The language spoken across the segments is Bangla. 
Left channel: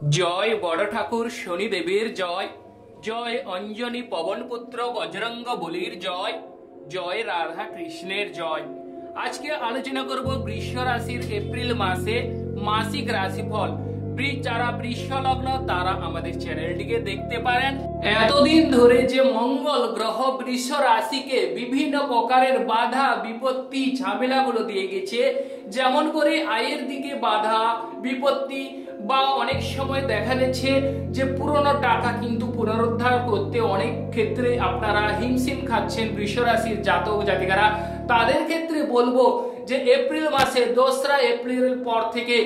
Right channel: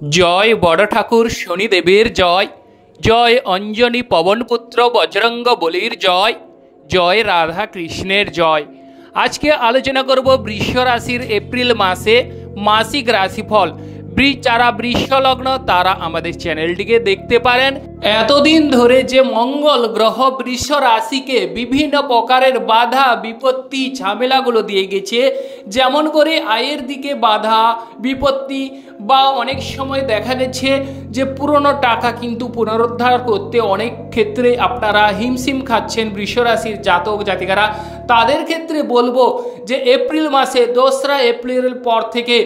জয় বড় ঠাকুর শনিদেবের জয়। জয় অঞ্জনী পবনপুত্র বজরঙ্গ বলির জয়। জয় রাধা কৃষ্ণের জয়। আজকে আলোচনা করব বৃষ রাশির এপ্রিল মাসে মাসিক রাশিফল। যারা বৃষ লগ্ন তারা আমাদের চ্যানেলটিকে দেখতে পারেন। এতদিন ধরে যে মঙ্গল গ্রহ বৃষ রাশিকে বিভিন্ন প্রকারের বাধা বিপত্তি ঝামেলাগুলো দিয়ে গেছে, যেমন করে আয়ের দিকে বাধা বিপত্তি, বা অনেক সময় দেখা গেছে যে পুরনো টাকা কিন্তু পুনরুদ্ধার করতে অনেক ক্ষেত্রে আপনারা হিমশিম খাচ্ছেন বৃষ রাশির জাতক জাতিকারা। তাদের ক্ষেত্রে বলবো যে এপ্রিল মাসে 2রা এপ্রিলের পর থেকে,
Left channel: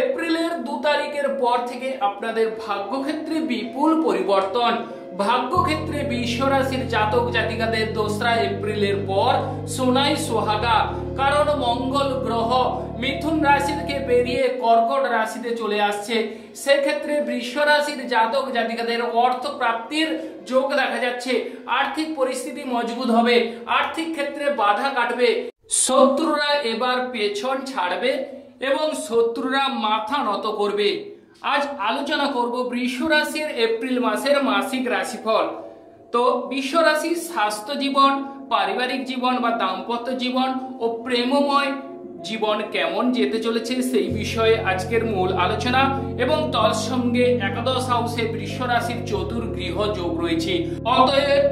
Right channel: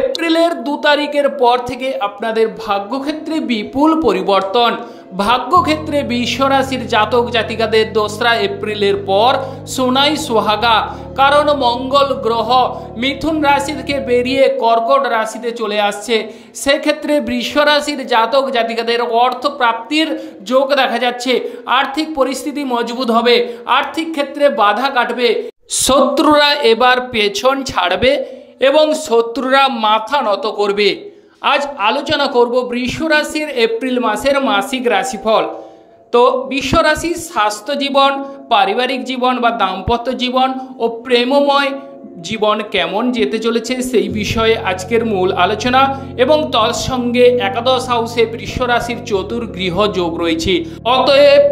এপ্রিলের 2 তারিখের পর থেকে আপনাদের ভাগ্যক্ষেত্রে বিপুল পরিবর্তন। ভাগ্যক্ষেত্রে বৃষ রাশির জাতক জাতিকাদের 2রা এপ্রিলের পর সোনাই সোহাগা, কারণ মঙ্গল গ্রহ মিথুন রাশি থেকে বেরিয়ে কর্কট রাশিতে চলে আসছে। সেক্ষেত্রে বৃষ রাশির জাতক জাতিকাদের অর্থ প্রাপ্তির যোগ দেখা যাচ্ছে। আর্থিক পরিস্থিতি মজবুত হবে, আর্থিক ক্ষেত্রে বাধা কাটবে, শত্রুরা এবার পেছন ছাড়বে এবং শত্রুরা মাথা নত করবে। আজ আলোচনা করব বৃষ রাশির এপ্রিল মাসের মাসিক রাশিফল। তো বৃষ রাশির স্বাস্থ্য জীবন, পারিবারিক জীবন বা দাম্পত্য জীবন ও প্রেমময় জীবন কেমন যেতে চলেছে সেই বিষয়ে আজকের মূল আলোচনা। এবং তার সঙ্গে একাদশ হাউসে বৃষ রাশির চতুর্গৃহ যোগ রয়েছে। অতএব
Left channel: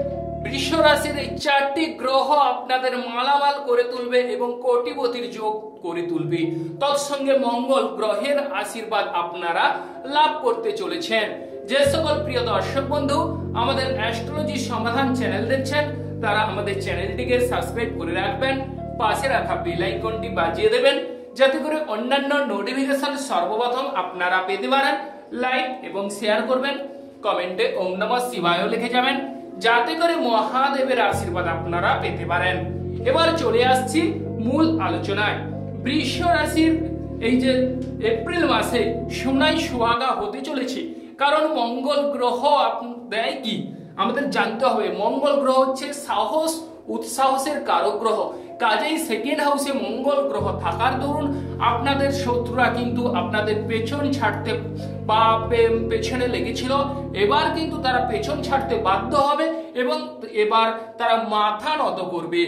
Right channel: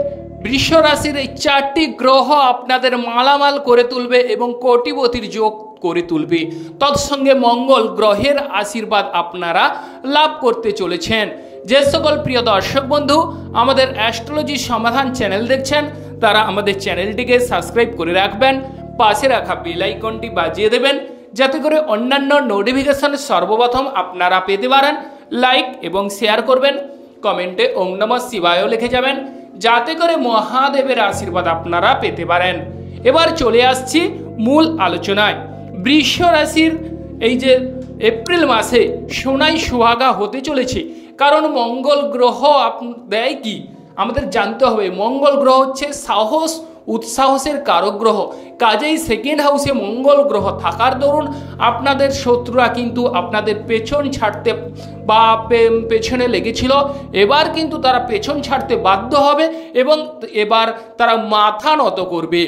বৃষ রাশির এই 4টি গ্রহ আপনাদের মালামাল করে তুলবে এবং কোটিপতির যোগ করে তুলবে। তৎসঙ্গে মঙ্গল গ্রহের আশীর্বাদ আপনারা লাভ করতে চলেছেন। যে সকল প্রিয় দর্শক বন্ধু আমাদের অ্যাস্ট্রোলজি সমাধান চ্যানেল দেখছেন তারা আমাদের চ্যানেলটিকে সাবস্ক্রাইব করে রাখবেন, পাশে রাখা বেল আইকনটি বাজিয়ে দেবেন যাতে করে অন্যান্য নোটিফিকেশন সর্বপ্রথম আপনারা পেতে পারেন। লাইক এবং শেয়ার করবেন, কমেন্টে ওম নমঃ শিবায় লিখে যাবেন যাতে করে মহাদেবের আশীর্বাদ আপনারা পেতে পারেন। এবার চলে আসছি মূল আলোচনায়। বৃষ রাশির এই যে এপ্রিল মাসে সোনাই সোহাগা হতে চলেছে, কারণ মঙ্গল গ্রহ দেয় কি আমাদের জানতে হবে। মঙ্গল গ্রহ হচ্ছে সাহস উৎসাহসের কারক গ্রহ। কাজেই সেকেন্ড হাউসে মঙ্গল গ্রহ থাকার দরুন আপনাদের শত্রুরা কিন্তু আপনাদের পেছন ছাড়তে বা পেছনে লেগেছিল, এবার কিন্তু তারা পেছন ছাড়তে বাধ্য হবে এবং এবার তারা মাথা নত করবে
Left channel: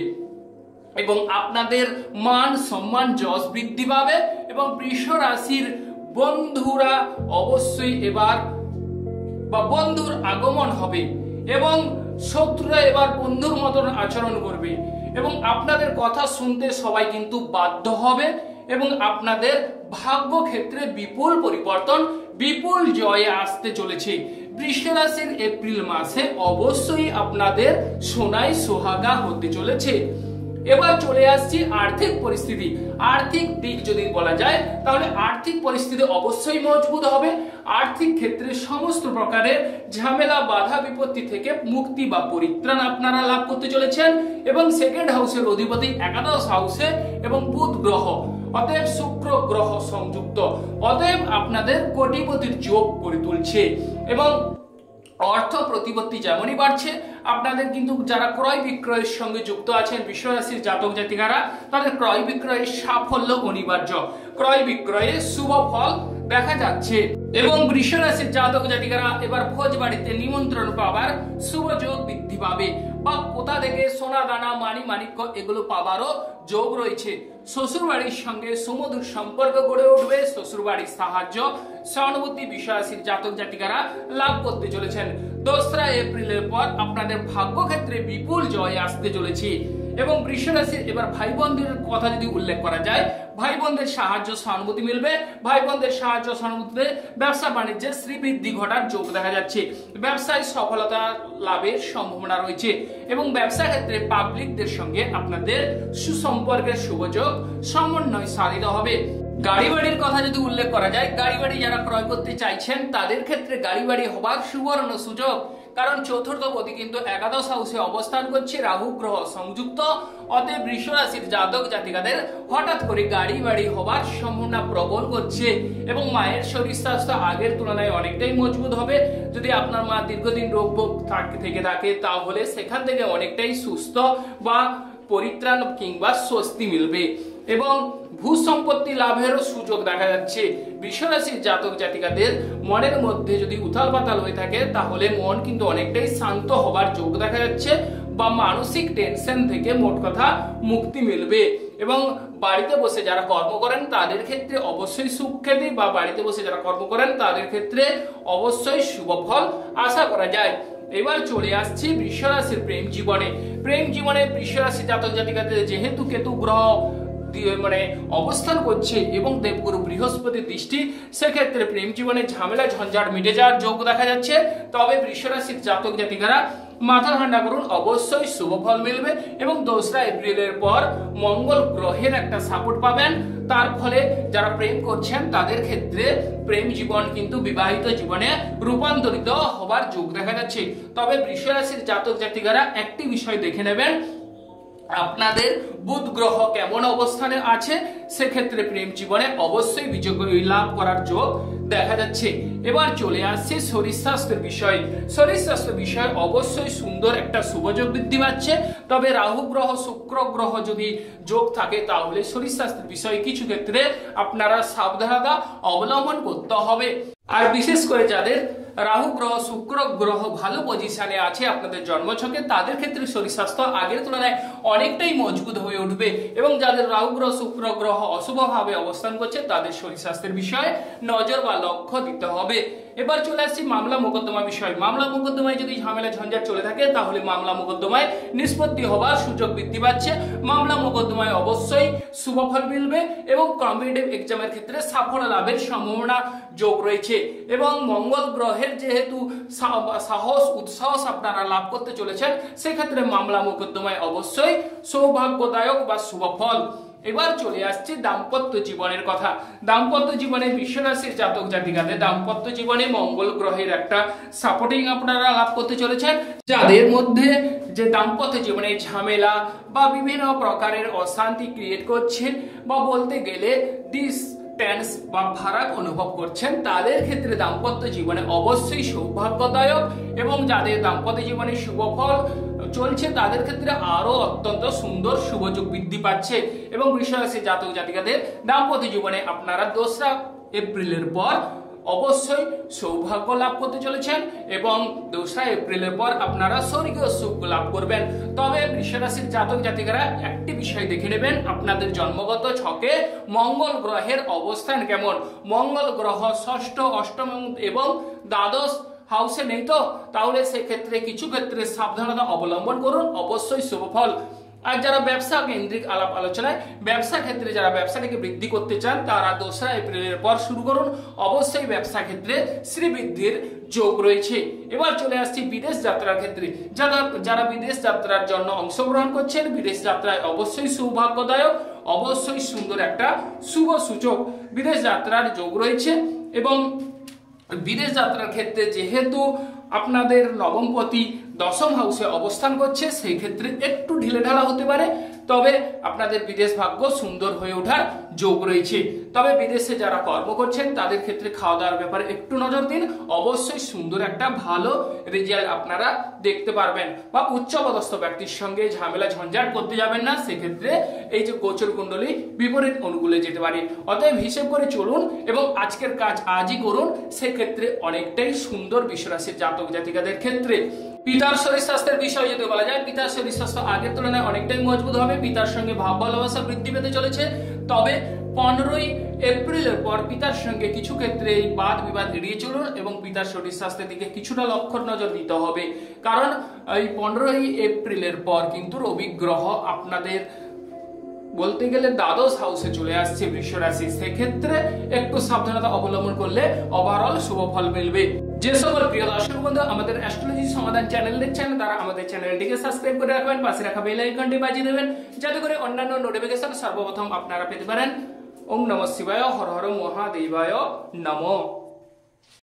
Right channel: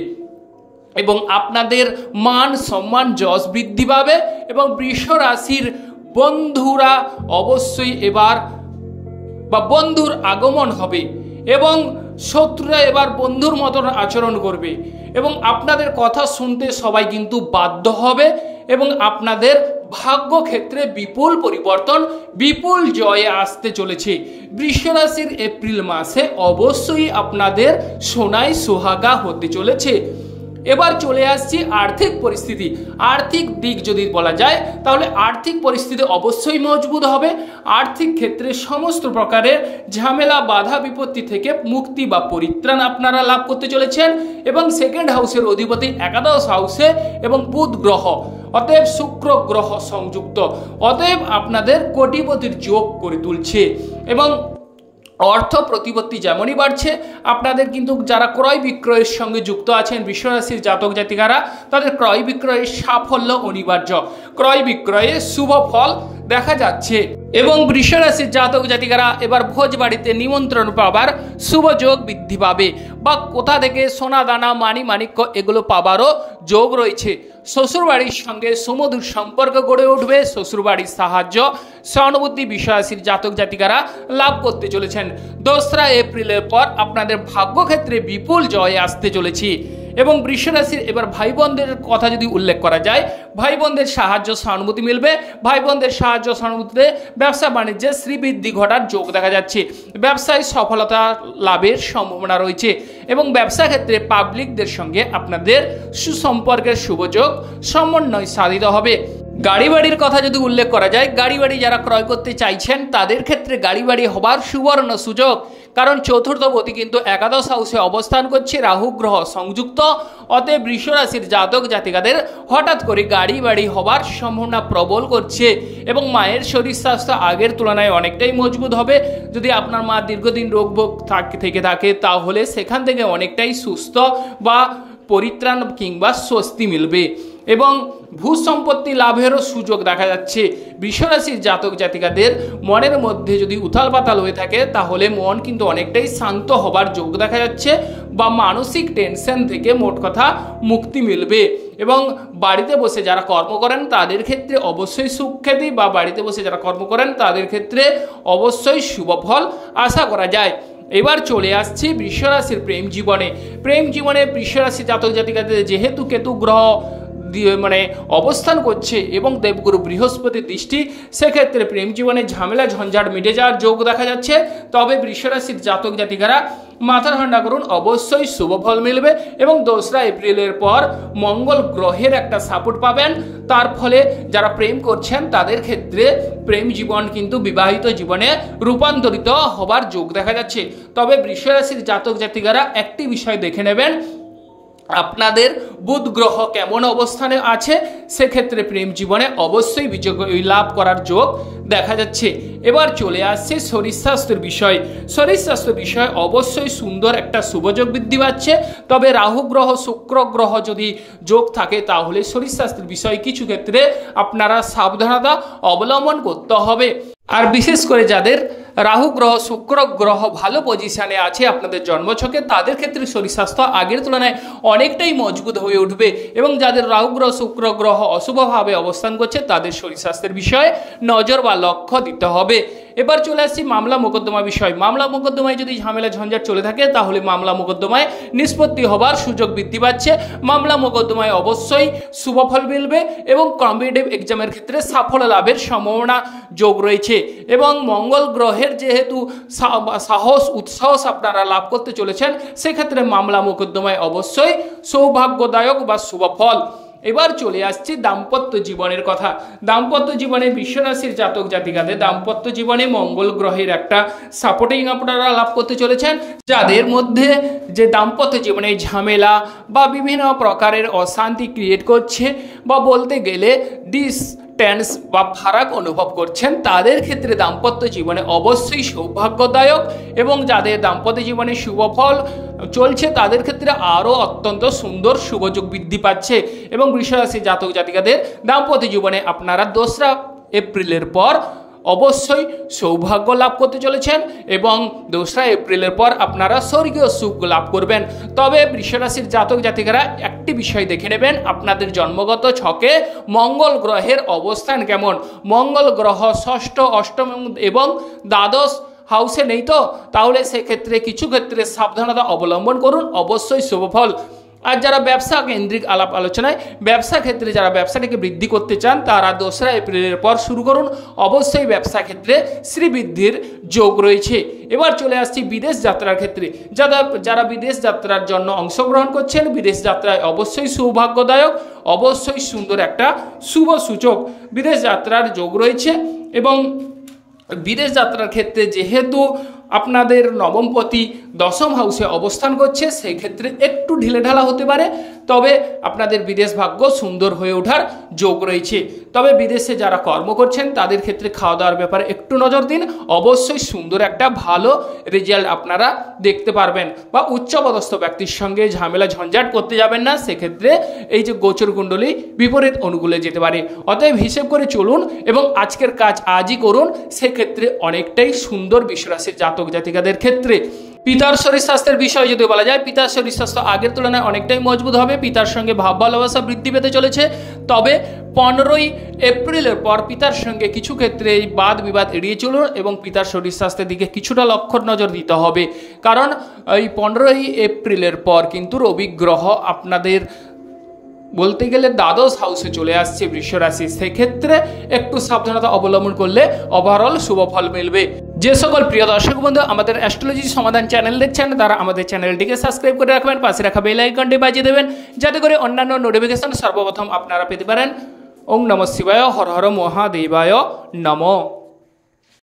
এবং আপনাদের মান সম্মান যশ বৃদ্ধি পাবে। এবং বৃষ রাশির বন্ধুরা অবশ্যই এবার বা বন্ধুর আগমন হবে এবং শত্রুরা এবার বন্ধুর মতন আচরণ করবে এবং আপনাদের কথা শুনতে সবাই কিন্তু বাধ্য হবে এবং আপনাদের ভাগ্যক্ষেত্রে বিপুল পরিবর্তন, বিপুল জয়ে আসতে চলেছে। বৃষ রাশির এপ্রিল মাসে অবশ্যই আপনাদের সোনাই সোহাগা হতে চলেছে। এবার চলে আসছি আর্থিক পরিস্থিতি। আর্থিক দিক যদি বলা যায় তাহলে আর্থিক পরিস্থিতি অবশ্যই মজবুত হবে। আর্থিক ক্ষেত্রে সমস্ত প্রকারের ঝামেলা বাধা বিপত্তি থেকে মুক্তি বা পরিত্রাণ আপনারা লাভ করতে চলেছেন। এবং সেকেন্ড হাউসের অধিপতি একাদশ হাউসে এবং বুধ গ্রহ, অতএব শুক্র গ্রহ সংযুক্ত, অতএব আপনাদের কোটিপতির যোগ করে তুলছে। এবং অর্থ প্রতিপত্তি যেমনই বাড়ছে, আপনাদের কিন্তু যারা ক্রয় বিক্রয়ের সঙ্গে যুক্ত আছেন বৃষ রাশির জাতক জাতিকারা, তাদের ক্রয় বিক্রয়ের সাফল্য অনিবার্য, ক্রয় বিক্রয়ে শুভ ফল দেখা যাচ্ছে। এবং বৃষ রাশির জাতক জাতিকারা এবার ভোজ বাড়িতে নিমন্ত্রণ পাবার শুভ যোগ বৃদ্ধি পাবে বা কোথা থেকে সোনা দানা মানি মাণিক্য এগুলো পাবারও যোগ রয়েছে। শ্বশুরবাড়ির সঙ্গে সুমধুর সম্পর্ক গড়ে উঠবে, শ্বশুরবাড়ির সাহায্য সহানুভূতি বৃষ রাশির জাতক জাতিকারা লাভ করতে চলেছেন। 2রা এপ্রিলের পর আপনাদের ভাগ্যক্ষেত্রে বিপুল জয় আসতে চলেছে। এবং বৃষ রাশির এবার ভাই বোনদের কথা যদি উল্লেখ করা যায়, ভাই বোনদের সাহায্য সহানুভূতি মিলবে। ভাই বোনদের সাহায্য সহানুভূতিতে ব্যবসা বাণিজ্যে শ্রীবৃদ্ধি ঘটার যোগ দেখা যাচ্ছে। ব্যবসায় সফলতা লাভের সম্ভাবনা রয়েছে এবং ব্যবসা ক্ষেত্রে পাবলিকদের সঙ্গে আপনাদের সুসম্পর্কের শুভযোগ সমন্বয় সাধিত হবে। গাড়ি বাড়ির কথা যদি উল্লেখ করা যায়, গাড়ি বাড়ি যারা ক্রয় করতে চাইছেন তাদের ক্ষেত্রে গাড়ি বাড়ি হবার সুবর্ণ সুযোগ, কারণ চতুর্থপতি কিন্তু একাদশ হাউসে অবস্থান করছে, রাহু গ্রহ সংযুক্ত। অতএব বৃষ রাশির জাতক জাতিকাদের হঠাৎ করে গাড়ি বাড়ি হবার সম্ভাবনা প্রবল করছে এবং মায়ের শরীর স্বাস্থ্য আগের তুলনায় অনেকটাই মজবুত হবে। যদি আপনার মা দীর্ঘদিন রোগ থেকে থাকে তাহলে সেখান থেকে অনেকটাই সুস্থ বা পরিত্রাণ কিংবা স্বস্তি মিলবে। এবং ভূ সম্পত্তি লাভেরও সুযোগ দেখা যাচ্ছে। বৃষরাশির জাতক জাতিকাদের মনের মধ্যে যদি উথাল পাতাল হয়ে থাকে তাহলে মন কিন্তু অনেকটাই শান্ত হবার যোগ দেখা যাচ্ছে, বা মানসিক টেনশন থেকে মোট কথা মুক্তি মিলবে। এবং বাড়িতে বসে যারা কর্ম করেন তাদের ক্ষেত্রে অবশ্যই সুখ্যাতি, বা বাড়িতে বসে যারা কর্ম করেন তাদের ক্ষেত্রে অবশ্যই শুভ ফল আশা করা যায়। এবার চলে আসছি বৃষরাশির প্রেম জীবনে। প্রেম জীবনে বৃষরাশি জাতক জাতিকাদের যেহেতু কেতু গ্রহ মানে অবস্থান করছে এবং দেবগুরু বৃহস্পতির দৃষ্টি, সেক্ষেত্রে প্রেম জীবনে ঝামেলা ঝঞ্ঝাট মিটে যাওয়ার যোগ দেখা যাচ্ছে। তবে বৃষরাশির জাতক জাতিকারা মাথা ঠান্ডা করুন, অবশ্যই শুভ ফল মিলবে। এবং 2রা এপ্রিলের পর মঙ্গল গ্রহের একটা সাপোর্ট পাবেন, তার ফলে যারা প্রেম করছেন তাদের ক্ষেত্রে প্রেম জীবন কিন্তু বিবাহিত জীবনে রূপান্তরিত হবার যোগ দেখা যাচ্ছে। তবে বৃষরাশির জাতক জাতিকারা একটি বিষয় দেখে নেবেন, আপনাদের বুধ গ্রহ কেমন অবস্থানে আছে, সেক্ষেত্রে প্রেম জীবনে অবশ্যই বিজয় লাভ করার যোগ দেখা যাচ্ছে। এবার চলে আসছে শরীর স্বাস্থ্যের বিষয়। শরীর স্বাস্থ্য বিষয় অবশ্যই সুন্দর একটা শুভযোগ বৃদ্ধি পাচ্ছে। তবে রাহু গ্রহ শুক্র গ্রহ যদি যোগ থাকে তাহলে শরীর স্বাস্থ্যের বিষয়ে কিছু ক্ষেত্রে আপনারা সাবধানতা অবলম্বন করতে হবে। আর বিশেষ করে যাদের রাহু গ্রহ শুক্র গ্রহ ভালো পজিশনে আছে আপনাদের জন্মছকে, তাদের ক্ষেত্রে শরীর স্বাস্থ্য আগের তুলনায় অনেকটাই মজবুত হয়ে উঠবে। এবং যাদের রাহু গ্রহ শুক্র গ্রহ অশুভভাবে অবস্থান করছে তাদের শরীর স্বাস্থ্যের বিষয়ে নজর বা লক্ষ্য দিতে হবে। এবার চলে আসছি মামলা মোকদ্দমা বিষয়। মামলা মোকদ্দমায় যদি ঝামেলা ঝঞ্ঝাট চলে থাকে তাহলে মামলা মোকদ্দমায় নিষ্পত্তি হবার সুযোগ বৃদ্ধি পাচ্ছে। মামলা মোকদ্দমায় অবশ্যই শুভ ফল মিলবে এবং কম্পিটিটিভ এক্সামের ক্ষেত্রে সাফল্য লাভের সম্ভাবনা যোগ রয়েছে। এবং মঙ্গল গ্রহের যেহেতু সাহস উৎসাহস আপনারা লাভ করতে চলেছেন, সেক্ষেত্রে মামলা মোকদ্দমায় অবশ্যই সৌভাগ্যদায়ক বা শুভ ফল। এবার চলে আসছি দাম্পত্য জীবনের কথা। দাম্পত্য জীবনে বৃষরাশির জাতক জাতিকাদের দাম্পত্য জীবনে মঙ্গল গ্রহের একটা সাপোর্টিং আপনারা লাভ করতে চলেছেন। যাদের মধ্যে যে দাম্পত্য জীবনে ঝামেলা বা বিভিন্ন প্রকারের অশান্তি ক্রিয়েট করছে, বা বলতে গেলে ডিসটেন্স বা ফারাক অনুভব করছেন, তাদের ক্ষেত্রে দাম্পত্য জীবনে অবশ্যই সৌভাগ্যদায়ক। এবং যাদের দাম্পত্য জীবনে শুভ ফল চলছে তাদের ক্ষেত্রে আরও অত্যন্ত সুন্দর শুভযোগ বৃদ্ধি পাচ্ছে। এবং বৃষরাশি জাতক জাতিকাদের দাম্পত্য জীবনে আপনারা 2রা এপ্রিলের পর অবশ্যই সৌভাগ্য লাভ করতে চলেছেন এবং 2রা এপ্রিলের পর আপনারা স্বর্গীয় সুখ লাভ করবেন। তবে বৃষরাশির জাতক জাতিকারা একটি বিষয় দেখে নেবেন, আপনাদের জন্মগত ছকে মঙ্গল গ্রহের অবস্থান কেমন। মঙ্গল গ্রহ 6ষ্ঠ 8ম এবং দ্বাদশ হাউসে নেই তো, তাহলে সেক্ষেত্রে কিছু ক্ষেত্রে সাবধানতা অবলম্বন করুন, অবশ্যই শুভ ফল। আর যারা ব্যবসা কেন্দ্রিক আলাপ আলোচনায় ব্যবসা ক্ষেত্রে যারা ব্যবসাটাকে বৃদ্ধি করতে চান তারা 2রা এপ্রিলের পর শুরু করুন, অবশ্যই ব্যবসা ক্ষেত্রে শ্রীবৃদ্ধির যোগ রয়েছে। এবার চলে আসছি বিদেশ যাত্রার ক্ষেত্রে। যারা বিদেশ যাত্রার জন্য অংশগ্রহণ করছেন, বিদেশ যাত্রায় অবশ্যই সৌভাগ্যদায়ক, অবশ্যই সুন্দর একটা শুভ সূচক বিদেশ যাত্রার যোগ রয়েছে। এবং বিদেশ যাত্রার ক্ষেত্রে যেহেতু আপনাদের নবমপতি 10ম হাউসে অবস্থান করছে, সেই ক্ষেত্রে একটু ঢিলেঢালা হতে পারে, তবে আপনাদের বিদেশ ভাগ্য সুন্দর হয়ে ওঠার যোগ রয়েছে। তবে বিদেশে যারা কর্ম করছেন তাদের ক্ষেত্রে খাওয়া দাওয়ার ব্যাপারে একটু নজর দিন, অবশ্যই সুন্দর একটা ভালো রেজাল্ট আপনারা দেখতে পারবেন। বা উচ্চপদস্থ ব্যক্তির সঙ্গে ঝামেলা ঝঞ্ঝাট করতে যাবেন না, সেক্ষেত্রে এই যে গোচর কুণ্ডলী বিপরীত অনুকূলে যেতে পারে। অতএব হিসেব করে চলুন এবং আজকের কাজ আজই করুন, সেক্ষেত্রে অনেকটাই সুন্দর বৃষরাশির জাতক জাতিকাদের ক্ষেত্রে। পিতার শরীর স্বাস্থ্যের বিষয় যদি বলা যায়, পিতার শরীর স্বাস্থ্য আগের তুলনায় অনেকটাই মজবুত হবে, পিতার সঙ্গে ভাব ভালোবাসা বৃদ্ধি পেতে চলেছে। তবে 15ই এপ্রিলের পর পিতার সঙ্গে কিছু ক্ষেত্রে এই বাদ বিবাদ এড়িয়ে চলুন এবং পিতার শরীর স্বাস্থ্যের দিকে কিছুটা লক্ষ্য নজর দিতে হবে। কারণ এই 15ই এপ্রিলের পর কিন্তু রবি গ্রহ আপনাদের বলতে গেলে দ্বাদশ হাউসে চলে আসছে বৃষরাশি, সেক্ষেত্রে একটু সাবধানতা অবলম্বন করলে ওভারঅল শুভ ফল মিলবে। যে সকল প্রিয় দর্শক বন্ধু আমাদের অ্যাস্ট্রোলজি সমাধান চ্যানেল দেখছেন তারা আমাদের চ্যানেলটিকে সাবস্ক্রাইব করে রাখবেন, পাশে রাখা বেল আইকনটি বাজিয়ে দেবেন যাতে করে অন্যান্য নোটিফিকেশন সর্বপ্রথম আপনারা পেতে পারেন। ওম নমঃ শিবায়, হর হর মহাদেবায় নমঃ।